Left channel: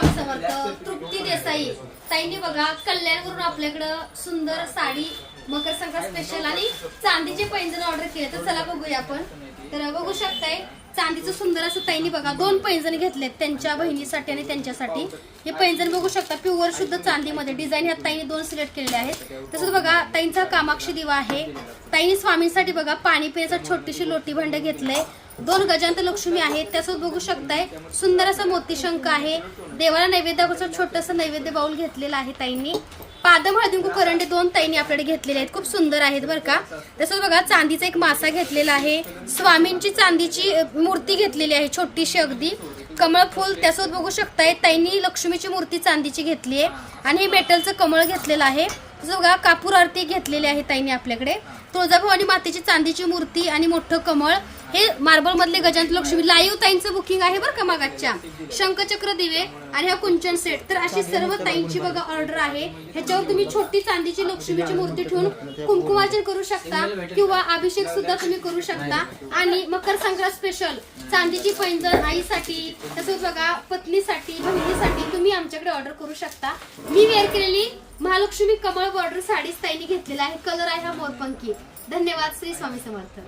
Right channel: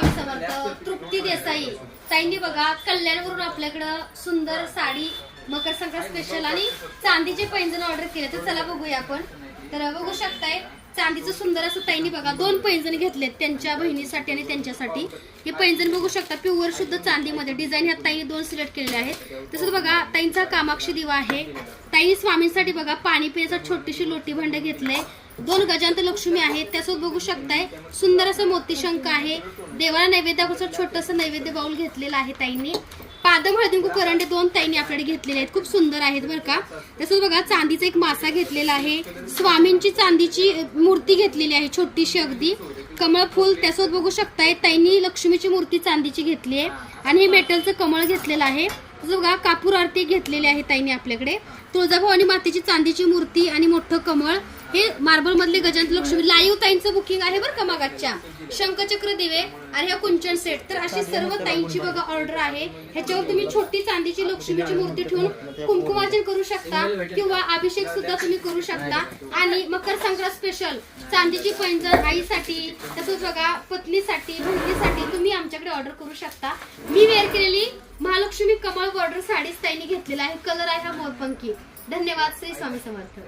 स्वामी समर्थ. तृप्ती देसाई ताईंनी बघा कल्याणवरून आपल्याकडं सुंदर साडी मकर संक्रांत स्पेशल आणि चांदीचे पैंजण ऑर्डर केले. तर चला बघूया आपण. तर बघू शकताय चांदीचं सुंदर असं ताईंनी बघा 2 पैंजण घेतलेत त्यांच्या बहिणीसाठी आणि त्यांच्यासाठी. हे पैंजण बघू शकता प्युअर शुद्ध चांदीमध्ये. डिझाईन ह्या ताईंनी 2 सिलेक्ट केलेले आहेत. तसंच बघा ताईंचा कामाक्षी दिवा आहे. ताईंनी स्वामींसाठी बघा पाणी पिण्याचं छोटीशी लोटी भांडे घेतले. 2 गजांत लक्ष्मी आहेत. त्यासोबत बघू शकताय सुंदर असं मोतीशंख आहे. देवाला नैवेद्याचं छोटंसं नैवेद्य बाउल घेतलेलं आहे ताईंनी. पादम हळदीकुंकू करंडे 2 ताईंनी आपल्याकडे घेतलेले आहेत. खूप सुंदर आहेत बरं का. तसंच बघा चांदीचा एक मासा घेतलेला आहे. स्वामींची चांदीची मूर्ती घेतलेली आहे छोटीशी अगदी. कमळ फुल त्यासोबत बघू शकताय ताईंनी लक्ष्मीची मूर्ती चांदीची घेतली आहे आणि हे मेटलचं कमळ घेतलेलं आहे. तसं बघा कापूर आरती घेतलेली आहे ताईंनी आपल्याकडे. तुळजाभवानी मातेची चांदीची मूर्ती आणि मोठं कमळ. हे मार्बल मधले गजांत लक्ष्मी लाईव्ह ताईंचं बुकिंग आहे बरं का मागाच्या. शंखचक्र दिवे आणि हा कुंचन सेट. तर अशी सर्व ताईंची बघा ऑर्डर आहे. ह्याच्यावर तुम्ही छोटी चांदीची लक्ष्मीची मूर्ती ठेवून कुंकुमार्चन करू शकता किंवा अभिषेक सुद्धा तुम्ही करू शकता. आणि मकर संक्रांत स्पेशल चांदीची पैंजण आईसाठी तसंच बघा पत्नीसाठी बहिणीसाठी तुम्ही आमच्याकडे ऑर्डर करू शकता. मी वेअर केलेली महालक्ष्मी कमळ बॉर्डर साडीच ताईंनी घेतलेला आहे. कलर आहे हा मोरपंखी. धन्यवाद. श्री स्वामी समर्थ.